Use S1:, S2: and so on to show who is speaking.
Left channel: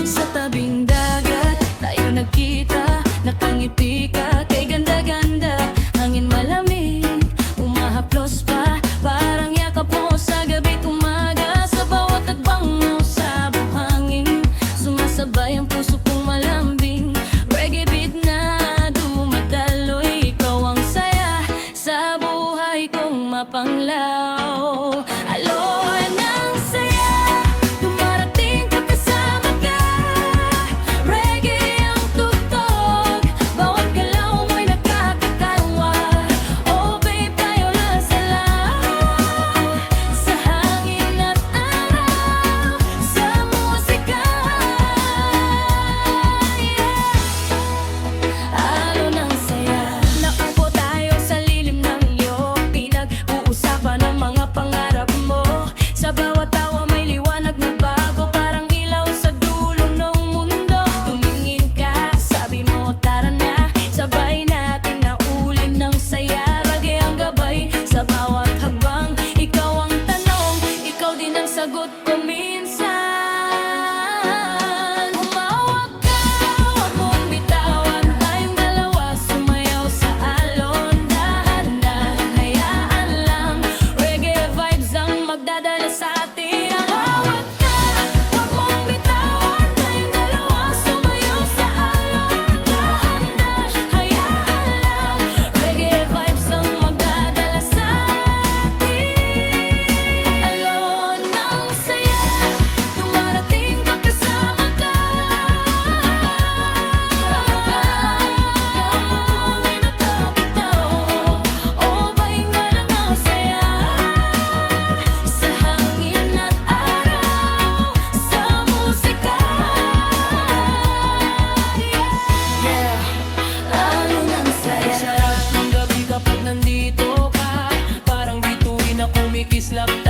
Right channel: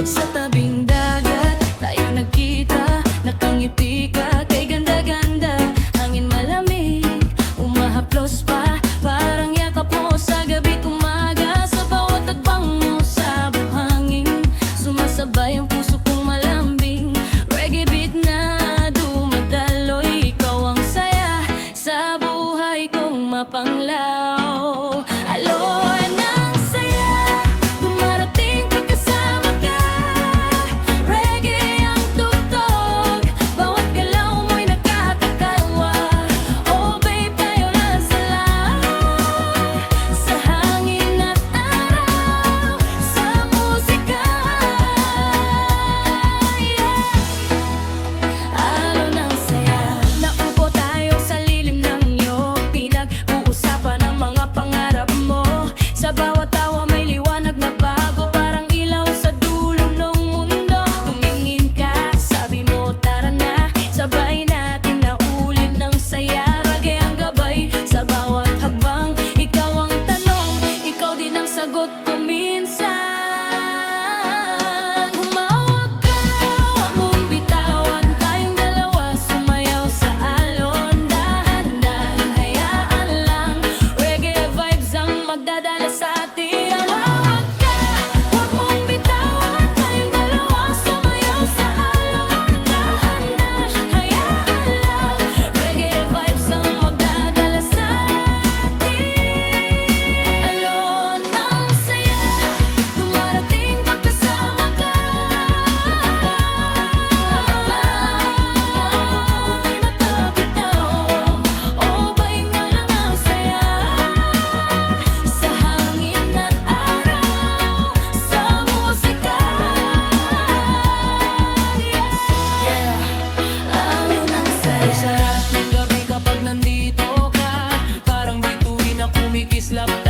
S1: Sa tabing dagat, tayo nagkita Nakangiti ka kay ganda-ganda. Hangin malamig, umahaplos pa Parang yakap mo sa gabi't umaga Sa bawat agbang mo sa buhangin Sumasabay ang puso kong malambing. Reggae beat na dumadaloy Ikaw ang saya sa buhay kong mapanglaw sagot ko
S2: slap